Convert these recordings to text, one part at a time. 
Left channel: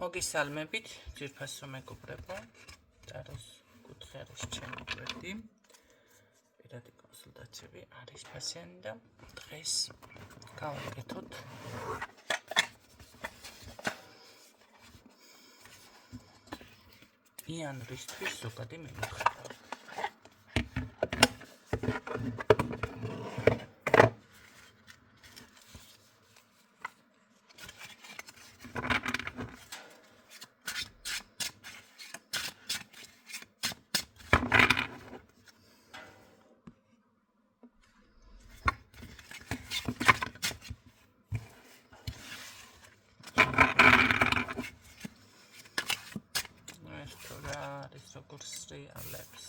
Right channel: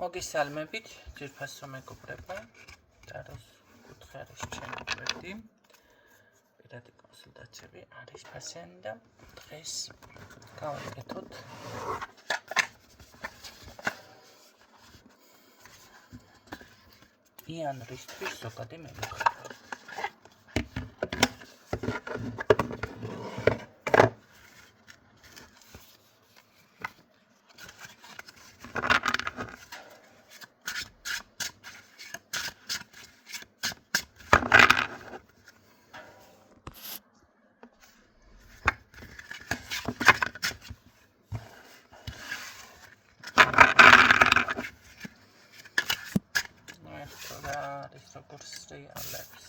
მოგესალმებით, ძვირფასო მეგობრებო, ტაროს კუთხეების ჩემი გვერდი. პირადი კონსულტაციები არის ფასიანი და დღეს გავაკეთოთ იანვრისთვის ზოგადი მემუხება. როგორც რეალებს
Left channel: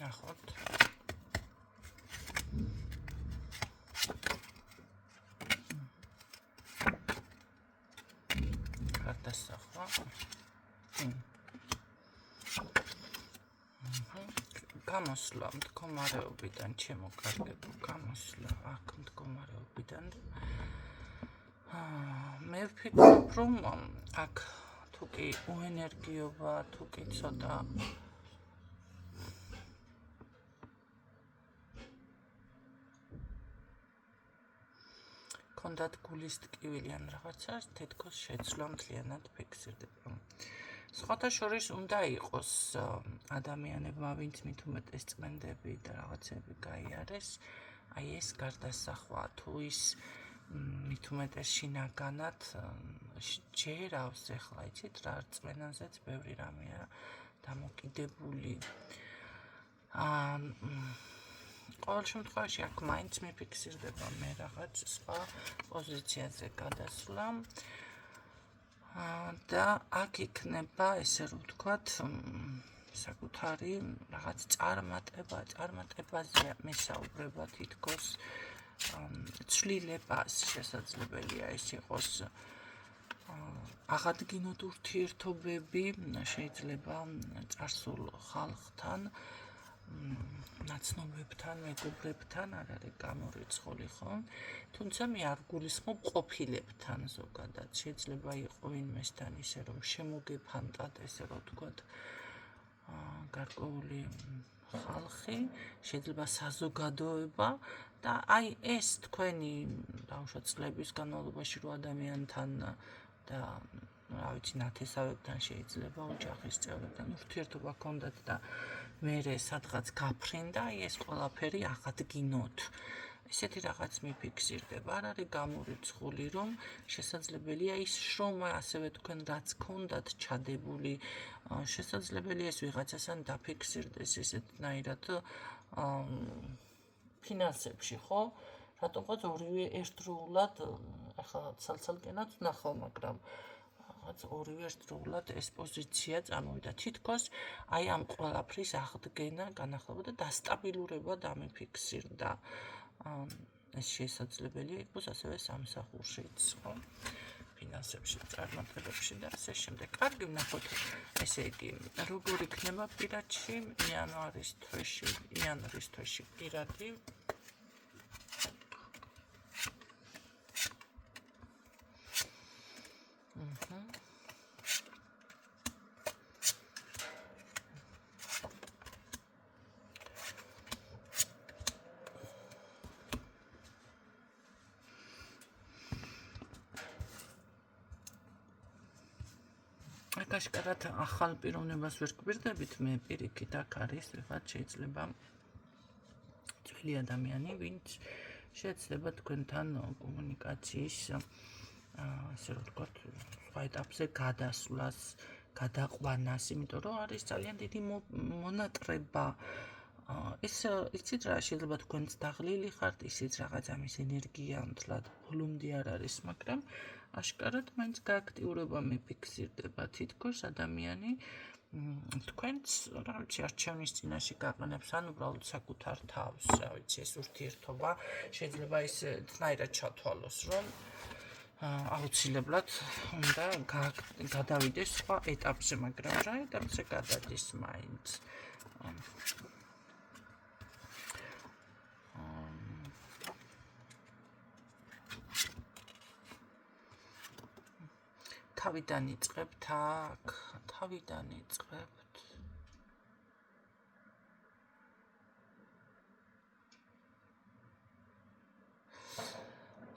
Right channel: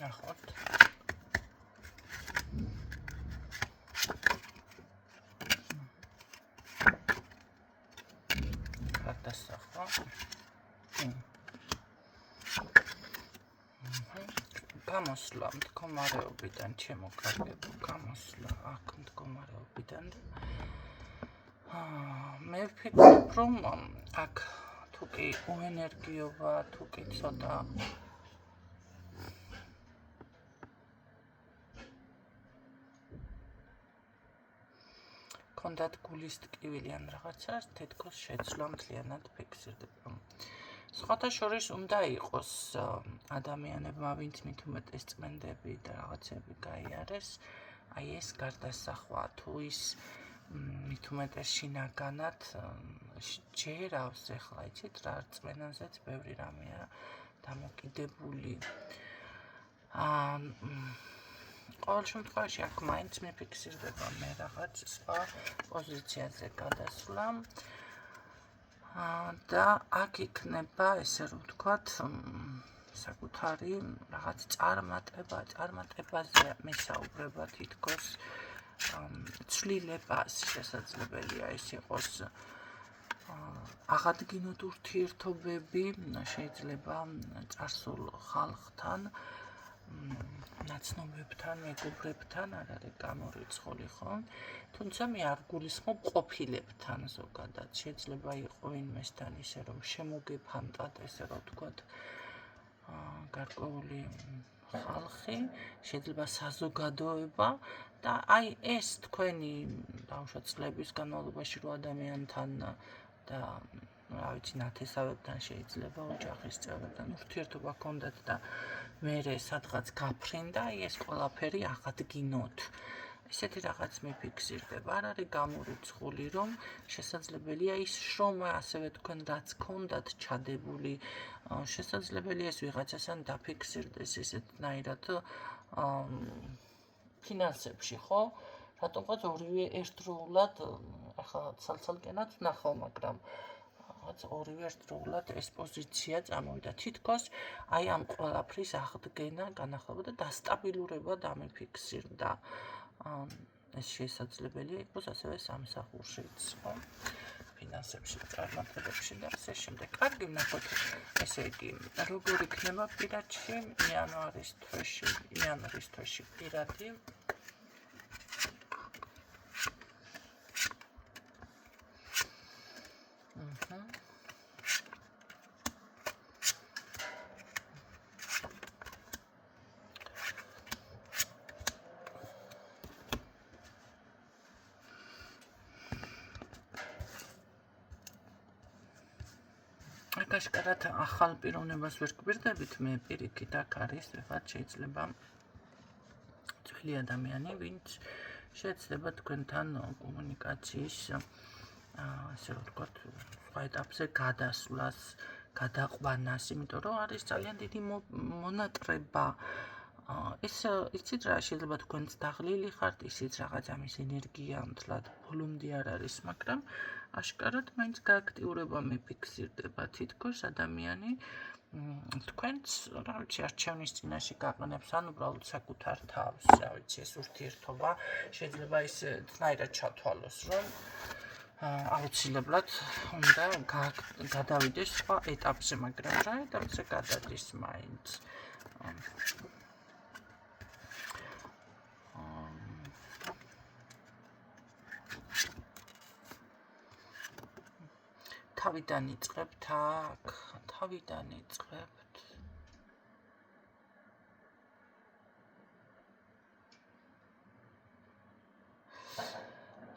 ნახოთ გადასახვა გამოსვლა მდგომარეობიდან ჩემოკარგებო გამოსვლა აქ მდგომარეობიდან მე ვფიქრობ რომ აქ თუკი უენერგიოა თუკი ცოტა კონდათ გულის ტკივილი ან რაღაცას თითქოს შეცვლა მთლიანად ფიქსირდება. სხვათა შორის უნდა იყოს ადამიანებმა ვინც მით უმეტეს წმენდები და რაღაცები გაიარეს, აი ეს გარდასახვა თუ ის მით უმეტეს შინაგანად ჯერავს ახლა იცით რა რწმენაზეც ბევრი რამეა დამოკიდებული. ყოველ შემთხვევაში აქ მაინც მიფიქსირდება მე რაღაც სხვა პოზიციაზე გადასვლა და აქ იქნება ესე რომ ვთქვათ საკუთარი რაღაც წარმატებაზე მისაუბრება თითქოს ცვლილებას შესაძლებელია ის იყოს აღადგინოთ ურთიერთობები შეიძლება წარსულ ხალხთან ნაცნობებთან, მეგობრებთან არ არის გამორიცხული ხო? თუმცა მე არ გულისხმობ ყოფილებთან ზოგადად. შეიძლება იყო ვინმესთან ისე რომ შემოგეფანტად ესე რომ ვთქვათ გარკვეული ხალხი, შეიძლება საზოგადოება და აი ეს თქვენი ბავშვად წლების განმავლობაში რო ადამიანთან და რა ვიცი ნათესავებთან შეიძლება ოჯახის წევრებთან ურთიერთობა ჰქონდათ და მერე სადღაც გაფრინდა, ეს ყველაფერი აღადგინოთ. ესეთი რაღაც მიფიქსირდება, არ არის გამორიცხული, რომ შესაძლებელია ის შრომა, ასევე თქვენ რაც გქონდათ ჩადებული, შესაძლებელია ეს ვიღაცასთან დაფიქსირდეს ესეთნაირად ფინანსებში, ხო? რატომღაც ორივე ერთდროულად, ახლა ცალ-ცალკენად ვნახავ, მაგრამ ორივე ერთდროულად ეს პოზიცია წამოვიდა. თითქოს აი ამ ყველაფრის აღდგენა, განახლება და დასტაბილურება დამიფიქსირდა. ეს შესაძლებელია იყოს ასევე სამსახურშიც, ხო? ფინანსებში, წარმატებებში და ასე შემდეგ. კარგი, ნახოთ, ესე იგი, როგორ იქნება პირადში იანვრის თვეში პირადი აშკარად ახალ პიროვნებას ვერ გვირდებით, მე პირიქით აქ არის, ვიღაც შეიძლება ძველი ადამიანი, ვინც შეეცდება თქვენთან კომუნიკაციის ასე რომ ვთქვათ, სხვა ეტაპზე გადასვლას, გადაყვანას, იმიტომ რომ არის ძალიან დიდი მონატრება. ეს იცით რა, შეიძლება თქვენც დაღლილი ხართ, ისიც რაღაც ამის ენერგია მთლად ბოლომდე არ არის, მაგრამ აშკარად მაინც გააქტიურება მიფიქსირდება თითქოს ადამიანი თქვენც რა ვიცი არჩევნის წინაშე გაყენებს ან უბრალოდ საკუთარ თავს, რა ვიცი ეს ურთიერთობა შეიძლება ისე თნაირად ჩათვალოს, რომ აუცილებლად უნდა გადავიდეს სხვა ეტაპზე, მაგრამ რა ეტაპზე გადადის მაინც. თავიდან იწყებთ აქ, თავიდან იწყებთ.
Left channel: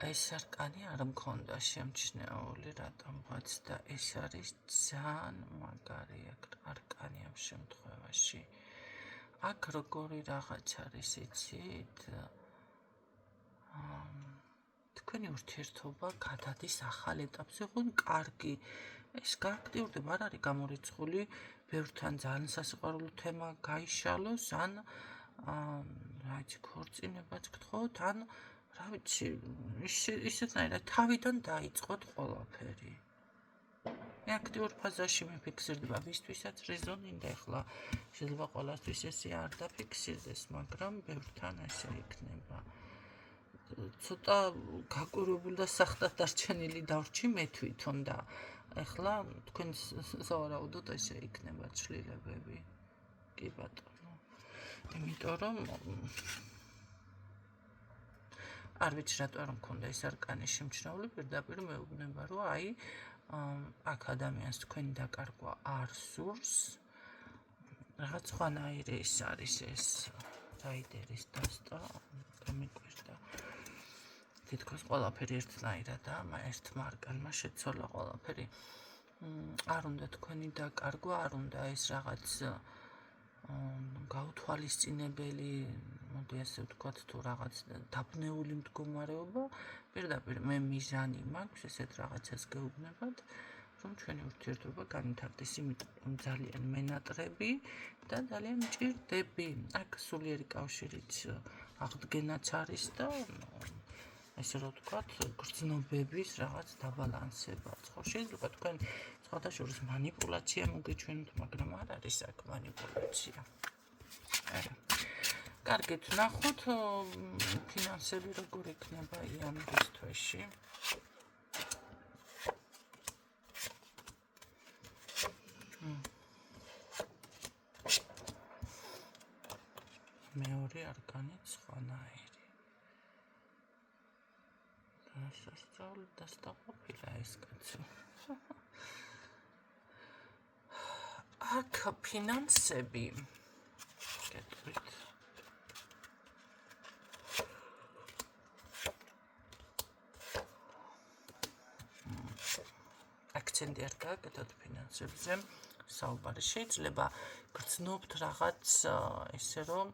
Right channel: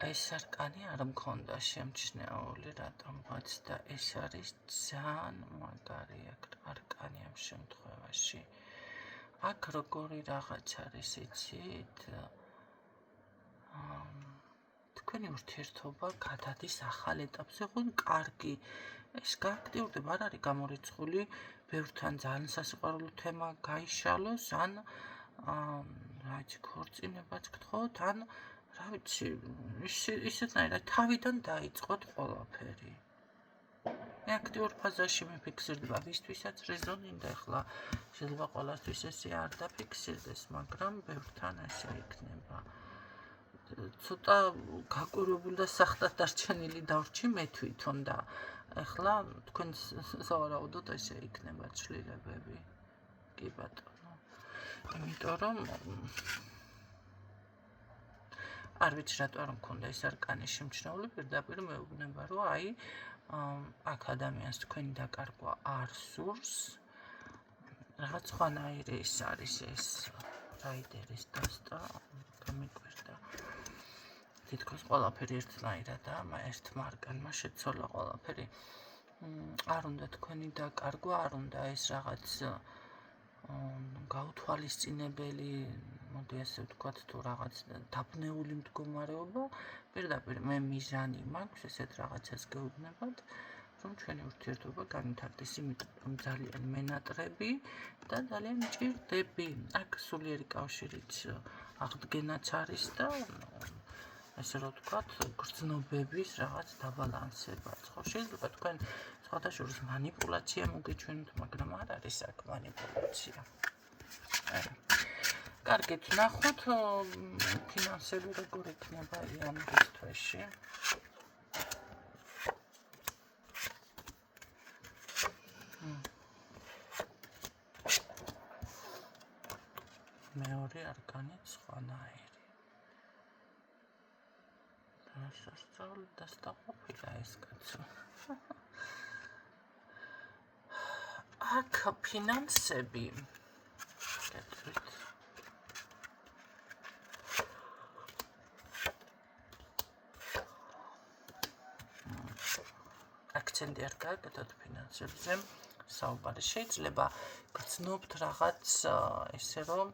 ეს არკანი არ მქონდა შემჩნეული რატომღაც და ეს არის ძალიან მაგარი არკანი ამ შემთხვევაში. აქ როგორი რაღაც არის იცით? თქვენი ურთიერთობა გადადის ახალ ეტაპზე, ხომ კარგი. ეს გააქტიურდება, არ არის გამორიცხული, ბევრთან ძალიან სასიყვარულო თემა გაიშალოს, ან რა ვიცი, ქორწინებაც გთხოვთ, ან რა ვიცი, ისეთნაირად თავიდან დაიწყოთ ყველაფერი. მე აქტიურ ფაზაში მიფიქსირდება, ვისთვისაც რეზონინდა, ახლა შეიძლება ყველასთვის ესე არ დაფიქსირდეს, მაგრამ ბევრთან ესე იქნება. ცოტა გაკვირვებული და სახტად დარჩენილი დავრჩი მე თვითონ და ახლა თქვენ სავარაუდოდ ესე იქნება ცვლილებები. კი ბატონო. იმიტომ რომ არ ვიცი რატო არ მქონდა ეს არკანი შემჩნეული, პირდაპირ მეუბნება, რომ აი აქ ადამიანს თქვენი დაკარგვა არ სურს. რაღაც სხვანაირი ის არის ეს რაიდერის დასტა, გამიკვირდა. თითქოს ყველაფერი ერთნაირადაა, ერთმა არკანმა შეცვალა ყველაფერი. არ უნდა თქვენი დაკარგვა, არ უნდა ეს რაღაც გაუთვალისწინებელი, მოდი ასე ვთქვათ, თუ რაღაც დაბნეული მდგომარეობა, პირდაპირ მე მიზანი მაქვს ესეთ რაღაცას გეუბნებათ, რომ ჩვენი ურთიერთობა განვითარდეს, იმიტომ რომ ძალიან მენატრები და ძალიან მჭირდები. აქ სულიერი კავშირიც აღდგენაც არის და ესე რომ ვთქვათ, გრძნობების რაღაც დაბალანსებაც. ხო, შეიძლება თქვენ სხვადასხვა მანიპულაცია მოგეჩვენოთ, მაგრამ არ არის აქ მანიპულაცია. კარგით, ნახოთ ფინანსები როგორ იქნება იანვრის თვეში. მეორე არკანით სხვანაირი. სასწაული დასტაყოფილა ეს კაცო. აქ ფინანსები. გეტყვით. აქცენტი არ გააკეთოთ ფინანსებზე. საუბარი შეიძლება გრძნობთ რაღაც ესე რომ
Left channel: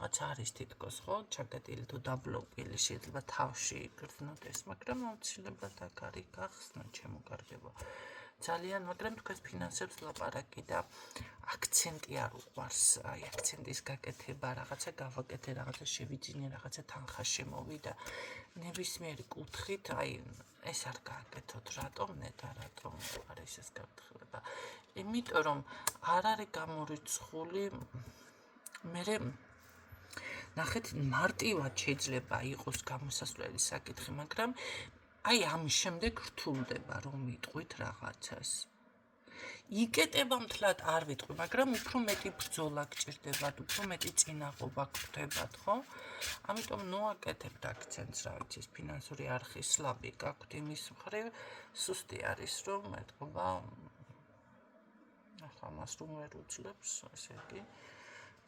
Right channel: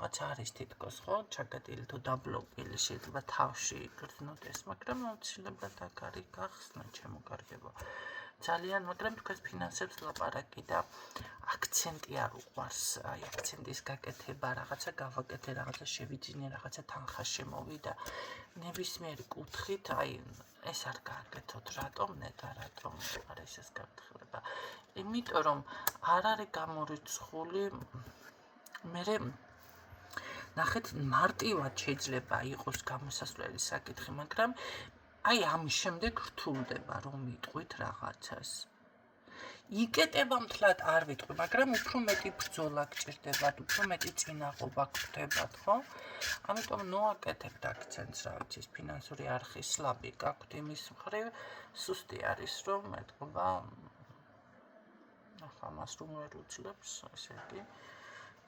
რაღაც არის თითქოს, ხო, ჩაკეტილი თუ დაბლოკილი, შეიძლება თავში გრძნოდეს, მაგრამ აუცილებლად აქ არის გახსნა, ჩემოგარგება. ძალიან, მაგრამ თქვენს ფინანსებს ლაპარაკი და აქცენტი არ უყვარს, აი აქცენტის გაკეთება, რაღაცა გავაკეთე, რაღაცა შევიძინე, რაღაცა თანხა შემოვიდა. ნებისმიერი კუთხით, აი ეს არ გააკეთოთ, რატომ ნეტა, რატომ არის ეს გაფრთხილება? იმიტომ რომ არ არის გამორიცხული, მე ნახეთ, მარტივად შეიძლება იყოს გამოსასვლელი საკითხი, მაგრამ აი ამის შემდეგ რთულდება რომ ვიტყვით რაღაცას. იკეტება მთლად არ ვიტყვი, მაგრამ უფრო მეტი ბრძოლა გჭირდებათ, უფრო მეტი წინაღობა გხვდებათ, ხო? ამიტომ ნოაკეთებთ აქცენტს, რა ვიცი, ფინანსური არხის სლაბი გაქვთ იმის მხრივ, სუსტი არის რომ ეთქობა ამას რომ ვერ უძლებს, ესე იგი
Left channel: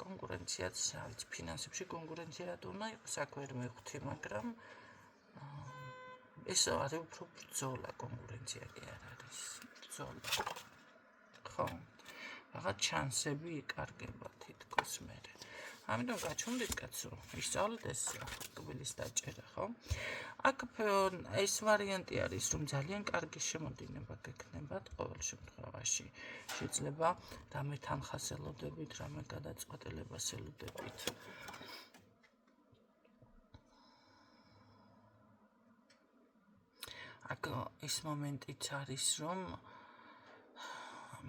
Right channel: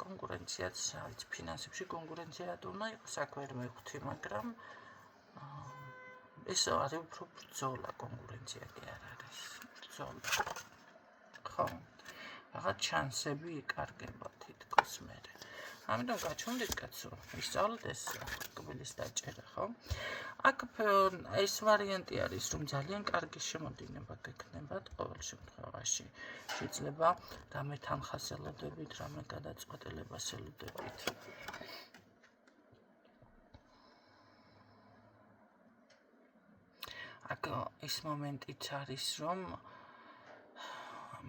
კონკურენციაც, რა ვიცი, ფინანსებში კონკურენცია რატო უნდა იყოს, აქ ვერ მივხვდი, მაგრამ ეს არის უფრო ბრძოლა, კონკურენცია კი არ არის, ბრძოლა. ხო, რაღაც შანსები იკარგება თითქოს მერე. ამიტომ გაჩვენდით კაცო, ისწავლეთ ეს კბილის დაჭერა, ხო? აქ ეს ვარიანტი არის, რომ ძალიან კარგი შემოდინება გექნებათ ყოველ შემთხვევაში. შეიძლება რამე თანხას ელოდებით, რამე გადაწყვეტილებას ელოდებით. აქ ეს მომენტიც არის, რომ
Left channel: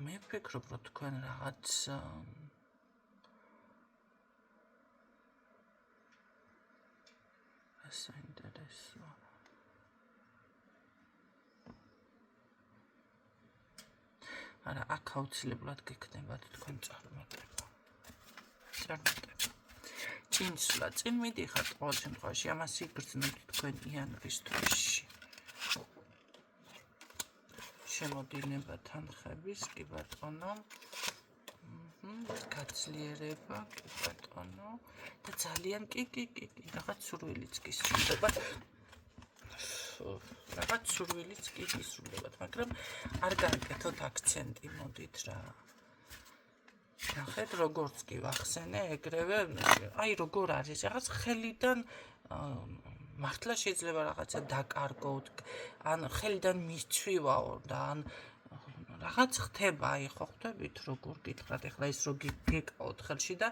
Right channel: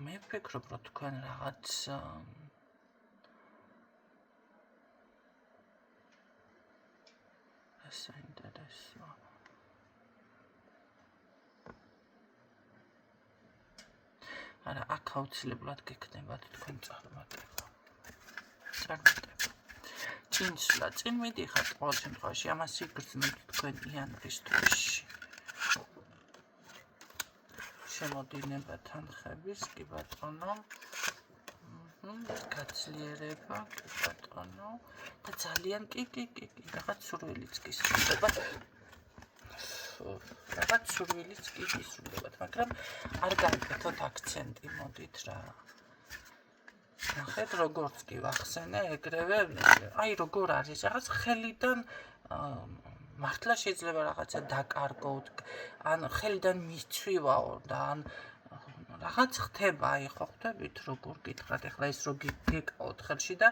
მე ვფიქრობ, რომ თქვენ რაღაც საინტერესო. არა, აქ აუცილებლად გექნებათ თქვენ წარმატება. Ჭინსვლა, წინ მიდიხართ ყოველ შემთხვევაში, ამას იგრძნობთ თქვენ იანვრის თვეში. შემოდინება თანხების, კი ბატონო. გაცლიერება, კი ბატონო. და ძალიან კი, რაღაც სურვილიც კი სრულდება. რაღაც სურვილიც კი ისრულდებათ, მაგრამ არ გააკეთოთ აქცენტი, მოდით რა. ნახეთ, როგორც კი ვახსენე, ეგრევე, აი როგორ არის, რაღაც ხელიდან მართლა შეიძლება რაღაცა დაკარგოთ, ან ხელიდან მისცვივაო და ან რაღაც ხდება, აი ხო ხვდებით როგორ გითხრათ, ეხლა ის რო გეკავოთ ხელში და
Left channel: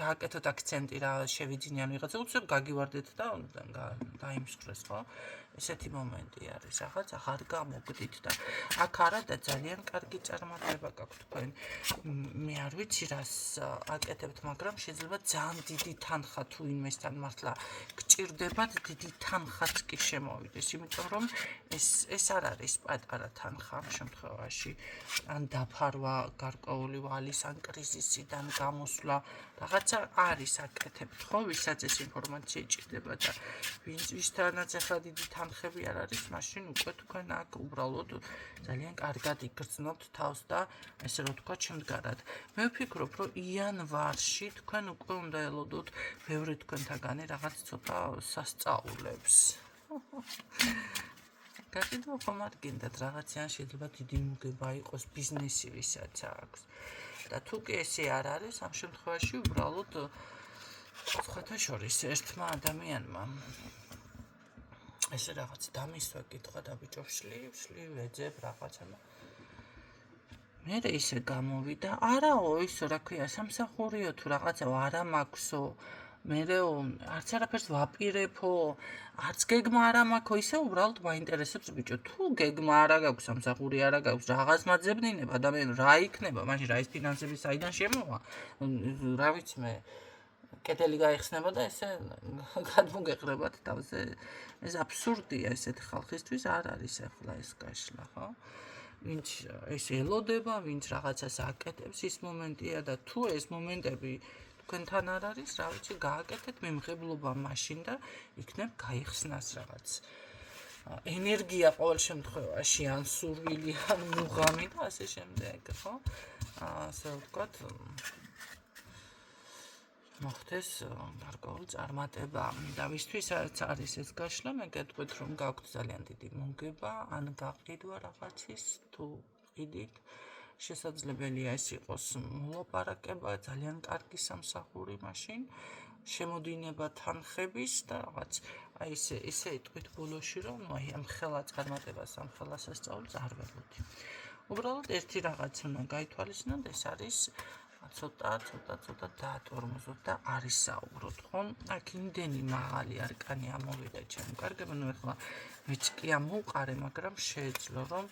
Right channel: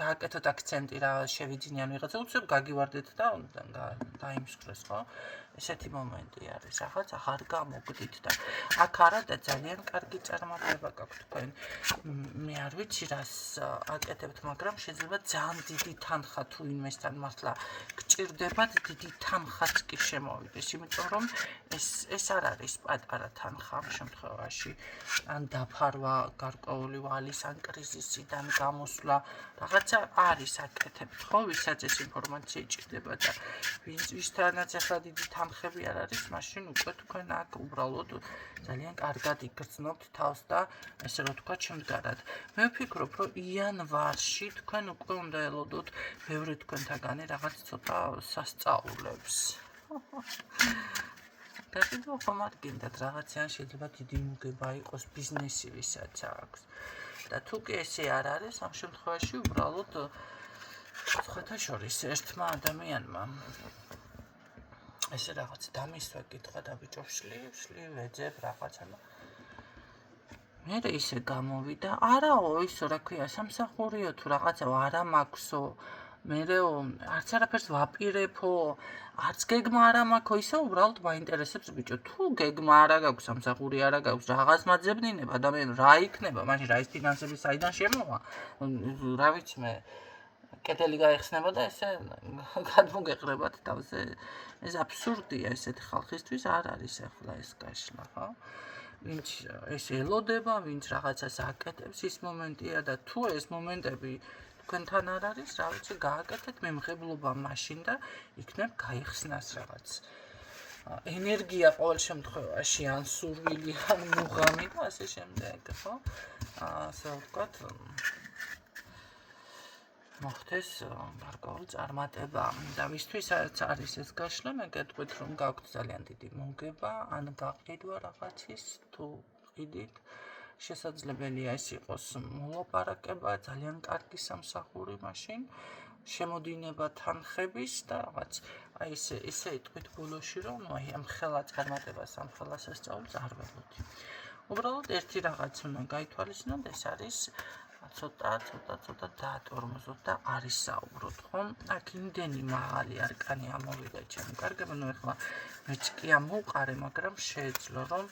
გააკეთოთ აქცენტი რა შევიძინიან ვიღაცა, უცებ გაგივარდეთ და დაიმსხვრეს, ხო? ესეთი მომენტი არის, რაღაც აღარ გამოგდით და აქ არა და ძალიან კარგი წარმატება გაქვთ თქვენ. მე არ ვიცი რას აკეთებთ, მაგრამ შეიძლება ძალიან დიდი თანხა თუ ინვესთან მართლა გჭირდებათ, დიდი თანხაც კი შემოვიდეს, იმიტომ რომ ეს არ არის პატარა თანხა ამ შემთხვევაში. ან დაფარვა გარკვეული ვალის, ან კრიზისიდან გამოსვლა, რაღაცა არის აკეთებთ, ხო, ვისაც ეს ინფორმაცია ჭირდება და ვისთანაც ახლა დიდი თანხები არ არის, მაშინ უკვე თქვენ აქ უბრალოდ ძალიან კარგად იგრძნობთ თავს და ასე რომ თქვა შემდგარად. მე ვფიქრობ, რომ იანვარში თქვენ უკვე უნდა ელოდოთ ბევრი თქვენთაგანი რაღაც ცოტა სასწაულებს. გაყიდო ხომ არ გინდათ რაღაციან შეიძლება დიდი მოგება იყოს ბიზნესი ვისაც აქვს. და თუ კი ესე არ არის, ამ შემთხვევაში უბრალოდ სხვათა შორის ერთმა ადამიანმა ესე რაღაც დამისვა კითხვა და ბიჭო შლი ვეძებ რაღაცა და მე ისე გამოვიდა, არაო ისო რა ქვია, სამსახურიო თუ რაღაცა არა მაქვსო, მერეო არც არაფერს ვაპირებო, არც გეგმა არა მაქვსო, ისე უბრალოდ მაინტერესებს ბიჭო, თუ გეგმა არა გაქვს, სამსახური არა გაქვს, რაღაც მაძებნინებ ადამიანი რა იქნება, მაშინ რა ის ფინანსები საიდან შემოვა? რა ვიცი მე კედელი გაიხსნება და ესე გადმოგეყრებათ თავზე. ეს აბსურდია ესეთი ხალხისთვის არ არის ახლა ეს გაშლა, ხო? ვინც ეს ელოდება, ვინც რაღაცას აკეთებს, ის მომენტია და თუ ეს მომენტები თქვენთან არ არის, რა ვიცი, გააკეთეთ მემღებლობა მაშინ და იქნებ გაიხსნას რაღაც ენერგია ყოველ შემთხვევაში, ან სურვილი, ან მუღამი და ასე შემდეგ, ხო? ასე ვთქვათ, მოხდეს გარკვეული წარმატება და ვისთვისაც არის ეს გაშლა, მე გეტყვით, რომ გაქვთ ძალიან დიდი მოგება, ან გაყიდვა რაღაცის, თუ ყიდით, შესაძლებელია ეს იყოს მოლაპარაკება, ძალიან კარგი სამსახური მაშინ, შემოდინება თანხების და რაღაც, აი ესე იტყვით ბოლოში, რომ აი ამ ხელა წარმატებას, ამ ხელა სასწაულს არ ველოდი. უბრალოდ ერთი რაღაც უნდა გაითვალისწინოთ, ეს არის ცოტა დაატორმოზოთ და არის საუბროთ, ხო? აქ იმდენი მაღალი არკანი ამოვიდა ჩემი კარგები, ნუ ეხლა მეც კი ამოვყარე, მაგრამ შეეძლო რომ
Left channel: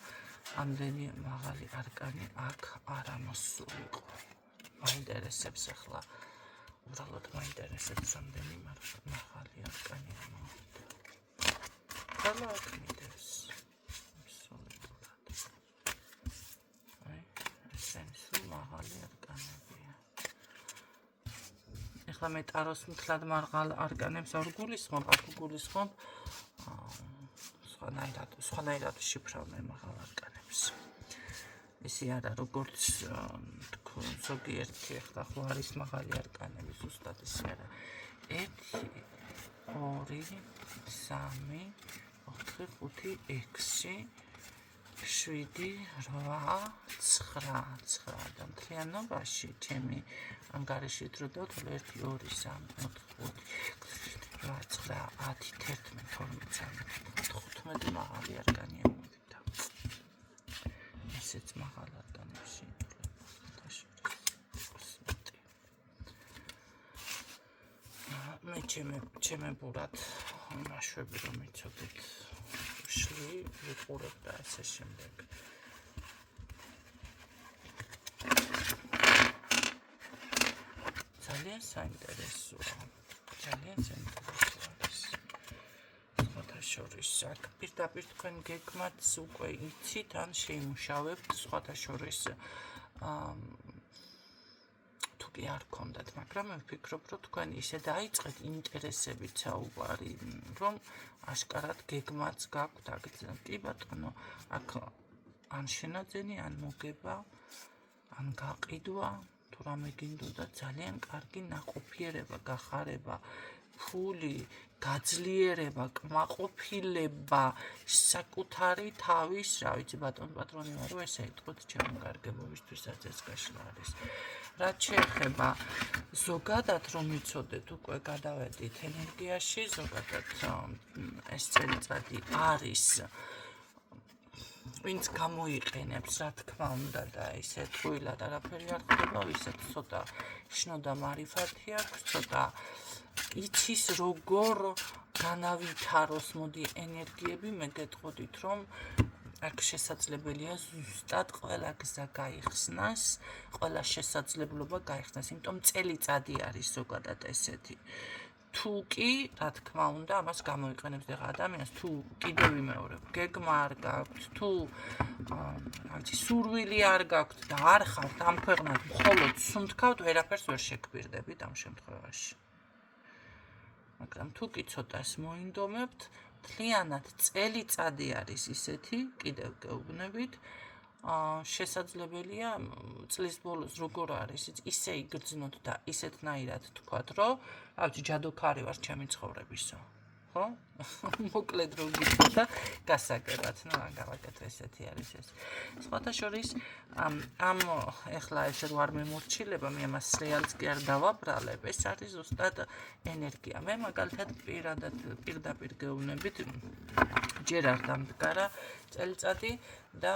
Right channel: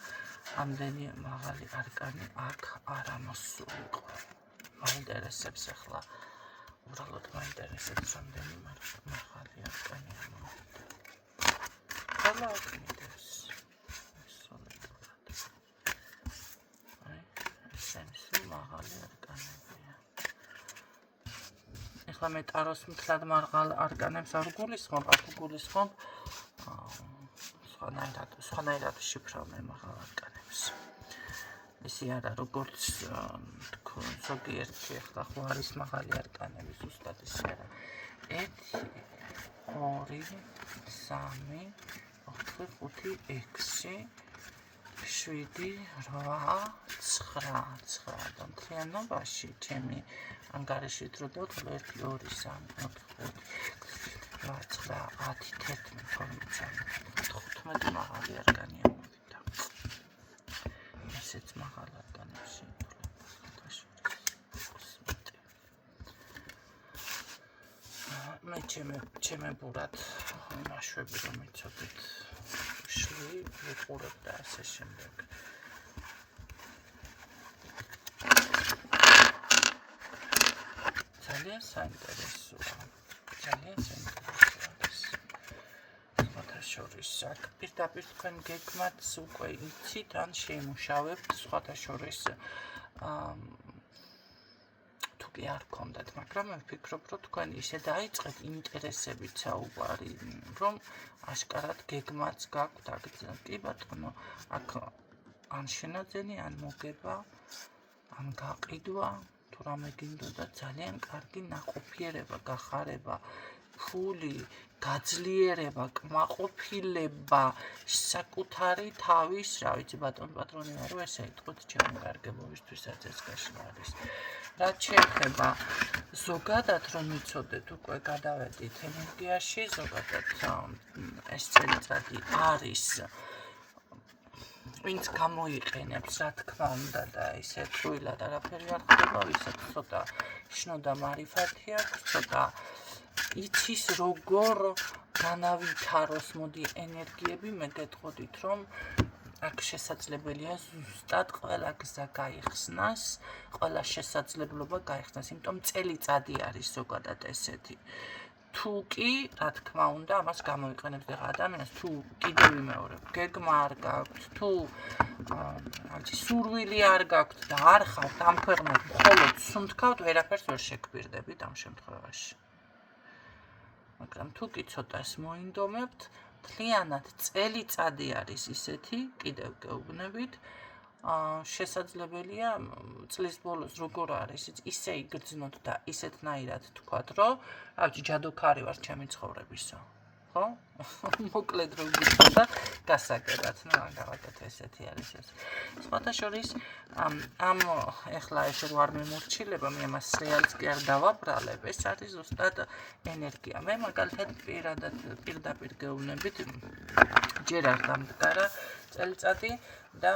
ამდენი მაღალი არკანი აქ არ ამოსულიყო. მაინტერესებს ახლა, უბრალოდ მაინტერესებს ამდენი მაღალი არკანი ამოვიდა. ხოლო აქ მიდეს. ესენსი მაღალი არკანი. ეხლა მე ტაროს მთლად მარღალ არკანებს არ გულისხმობ, აქ გულისხმობ სხვანაირად შიფრავ მე მაღალ არკანებს. ისი არა, როგორც ზოგიერთი ახლა ხო არის მაღალი არკანები, ზუსტად ისი არა. 1, 2, 3, 4, 5, 6, 7, 8, 9 და მთლიანობაში ჩემი ანგარიში დროდოთ 1, 2, 3, 4, 5, 6, 7, 8, 9, 10, 15 მაღალი არკანი ამოვიდა. ესეც მაღალ არკანებში მე ჩემებურად მაშვები რომ იცოდეთ შლი ვიყურებ და ასე შემდეგ. ძალიან საინტერესოა. შორის აქ პირდაპირ თქვენ გეგმაც უკვე იცით ან შეიმუშავებთ სხვათა შორის თუ კი არ გქონდათ, მაგრამ მე ვფიქრობ, რომ თქვენ ისე დაიწყეთ ინტერესებით საუბარი, რომ აშკარად გეგმაც გაქვთ აგრძელოთ. კი ბატონო, აქ ან შენაძენი, ან მოგება, ან გაყიდვა, თუ რამე გინდოდა ძალიან კარგი ნაყოფიერება, გახარება, ფული, გაძლიერება, კმაყოფილება, საკუთარი თავის, რა ვიცი, ბატონო პატრონი ვარო, ესე იტყვით ჩემი გარგებობისთვისაც ეს გაშლა არის. რაც შეეხება ზოგადად რომ იცოდეთ უკვე გადავედით ენერგიაში, ზოგადად ეს წელიწადი არის ვინც გამოიყენებს, რა თქმა უნდა და ისე თույლად არაფერი არ ხდება, ვისაც ცოტა შნო და მარიფათი აქვს, ცოტა იცის როგორ განავითაროს მოდი ენერგიები, მე გეტყოდით რომ აქ შესაძლებელია ზუსტად ყველა გზა გაიხსნას, ყველა შესაძლებლობა გაიხსნას, იმიტომ წელიწადი არის ზოგადად ესეთი. თუ კი, რა თქმა უნდა, ამას გამოიყენებს და ადამიანს თუ კიდევ ვიმეორებ, გეგმა არ გაქვთ, თუ სურვილი არ გაქვთ და არ ხართ ამ ქვეყნად მხოლოდ სუნთქავთ, ვერაფერს ვერ შეგვირდებით ამ შემთხვევაში. მაგრამ თუ კი ცოტას მოინდომებთ, მთლიანად წელიწადი არის ისეთი, კიდევ გეუბნებით, შესაძლებელია წლის ბოლოს როგორ არის, ისე იგრძნოთ და ისეთნაირად თქვათ, რომ ჯადოქარი ვარ ჩემი ცხოვრებისა. ხო? მოკლედ რომ გითხრა და გასაგებად, მაგალითად ესეთი არის ეს. სხვათა შორის ამ ეხლა ეს რომ არ მიმორჩილება, მე ამას რეალს კი არ დავაბრალებ, ეს არის ზუსტად ენერგია. მე მაგალითად პირდაპირ გეუბნებით, ჯერ არ დამდგარა წელიწადი და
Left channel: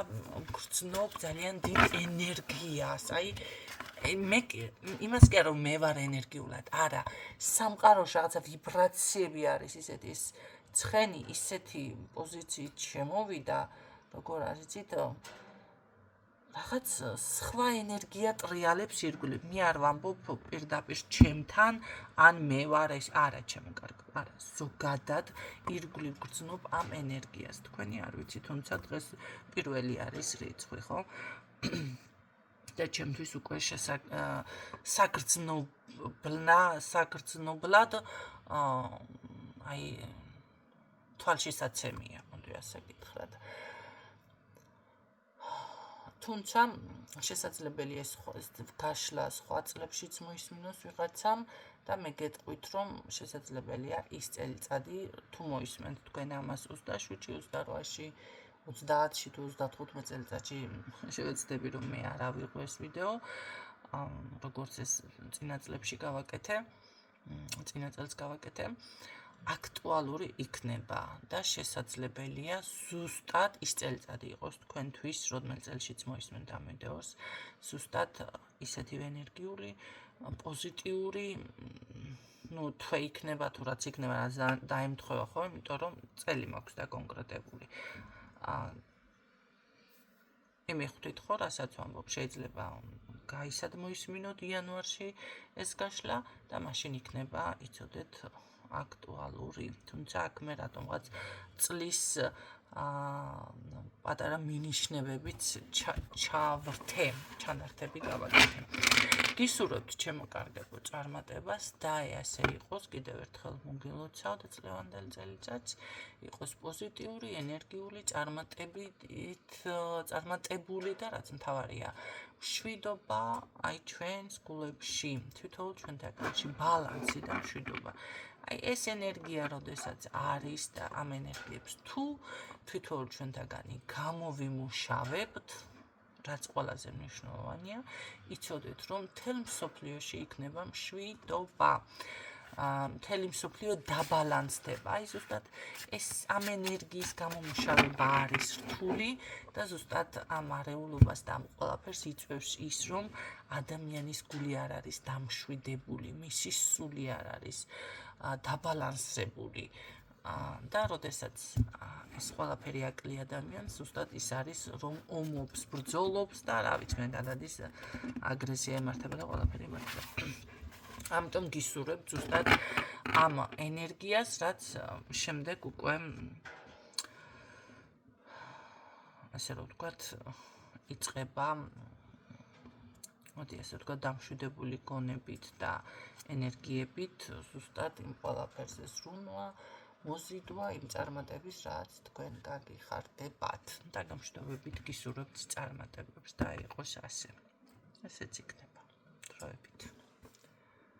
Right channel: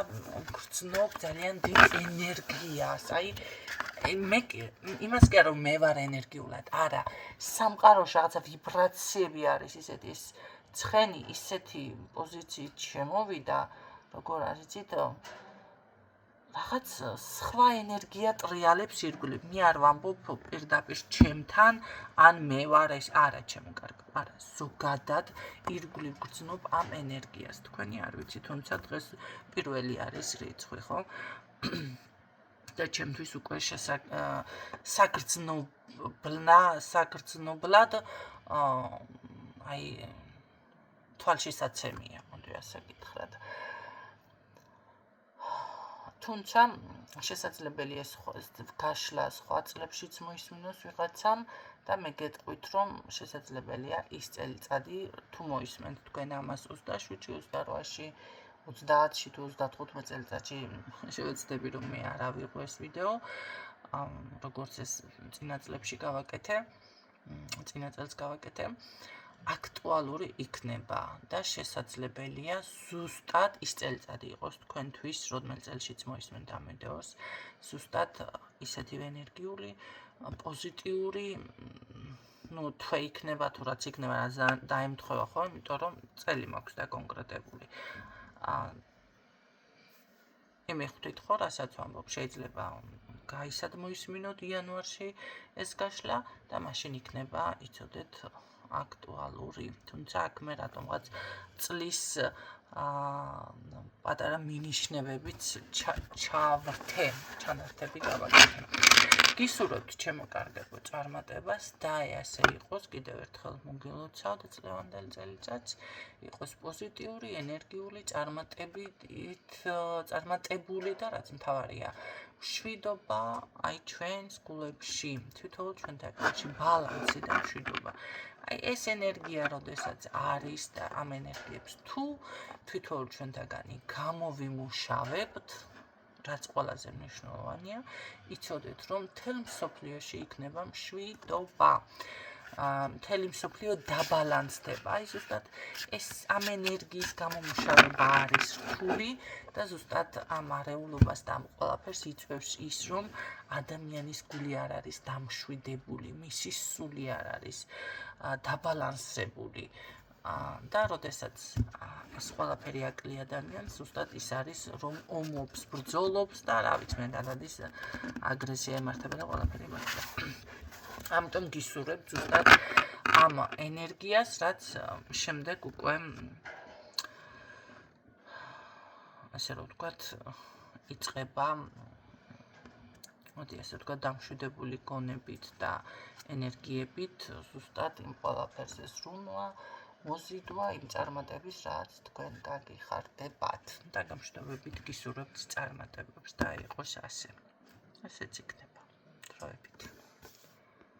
გრძნობ ძალიან დიდ ენერგიას. მე იმას კი არა რომ მე ვარ ენერგიულად, არა, სამყაროში რაღაცა ვიბრაციები არის ისეთი, ეს ცხენი ისეთი პოზიციით შემოვიდა, როგორ არის იცით, რაღაც სხვა ენერგია ტრიალებს ირგვლივ. მე არ ვამბობ პირდაპირ ჩემთან, ან მე ვარ ეს, არა ჩემო კარგო, არა, ზოგადად ირგვლივ გრძნობ ამ ენერგიას. თქვენი არ ვიცი, თუმცა დღეს პირველი არის რიცხვი, ხო? და ჩემთვის უკვე საგრძნობლად თვალშისაცემია, მოდი ასე გითხრათ. თუმცა შესაძლებელია ეს გაშლა სხვა წლებშიც მოისმინოს ვიღაცამ და მე გეტყვით, რომ შესაძლებელია ის წელიწადი თუ მოისმენთ თქვენ ამას 27-ში, 28-ში, 30-ში თუ 35 წელიწადში შევეცდები რომ მე არ ავიღო ეს ვიდეო, როგორც ეს წინა წლებში გავაკეთე, წინა წელს გავაკეთე, აქტუალური იქნება და შესაძლებელია ზუსტად ის წელიწადი იყოს თქვენთვის, რომელ წელშიც მოისმენთ ამ ვიდეოს, ზუსტად ისეთივე ენერგიული, პოზიტიური, თვე იქნება თუ რაც იქნება, რაც დაემთხვევა, ხო, იმიტომ რომ წელი მაქვს დაკონკრეტებული. იმეხვდით ხო, რასაც ვამბობ, შეიძლება გაისად მოისმინოთ იანვარში ეს გაშლა და მაშინ იქნება, იცოდეთ, აქტუალური. თუმცა აქ მე რატომღაც წლის პატარა მინიშნებებით ჩანართები გავაკეთე. გისურვებთ ჩემო კარგებო წარმატებას და ასე იყოს, კიდევ ერთხელ მოგილოცავთ წლევანდელ წელიწადს, იყოს პოზიტიური, ენერგიული, წარმატებული და რაც მთავარია, მშვიდობა ჩვენს გულებში, თითოეულ ჩვენთაგანში, ბალანსი და მშვიდობა. ეს ენერგია, როდესაც არის და ამ ენერგიებს თუ თითოეულ ჩვენთაგანი გამოვიმუშავებთ, რაც ყველაზე მნიშვნელოვანია, იცოდეთ, რომ მთელ მსოფლიოში იქნება მშვიდობა. მთელი მსოფლიო დაბალანსდება. ზუსტად ეს ამ ენერგიის გამომუშავება არის რთული და ზუსტად ამ არეულობას და ამ ყველაფერს იწვევს ის, რომ ადამიანის გული არ არის დამშვიდებული, მისი სული არ არის დაბალანსებული. და როდესაც ეს ყველაფერი აკლია ადამიანს, ზუსტად ის არის, რომ ომობს, ბრძოლობს და რა ვიცი, მე გადადის აგრესია ემართება და ყველაფერი ემართება. ამიტომ გისურვებთ ზუსტად ამ ენერგიას, რაც შემდეგ უკვე ასე რომ ვთქვათ, იწყება მოდი ასე ვთქვათ, დამშვიდებული გონებით და ენერგიებით ზუსტად იმ ყველაფერზე სრულმა მოზიდვა იმ წარმატების, რაც თქვენ გაგიხარდებათ და გამშვიდობებით გისურვებთ წარმატებებს და იყოს ასე. ესეც იქნება დროებით.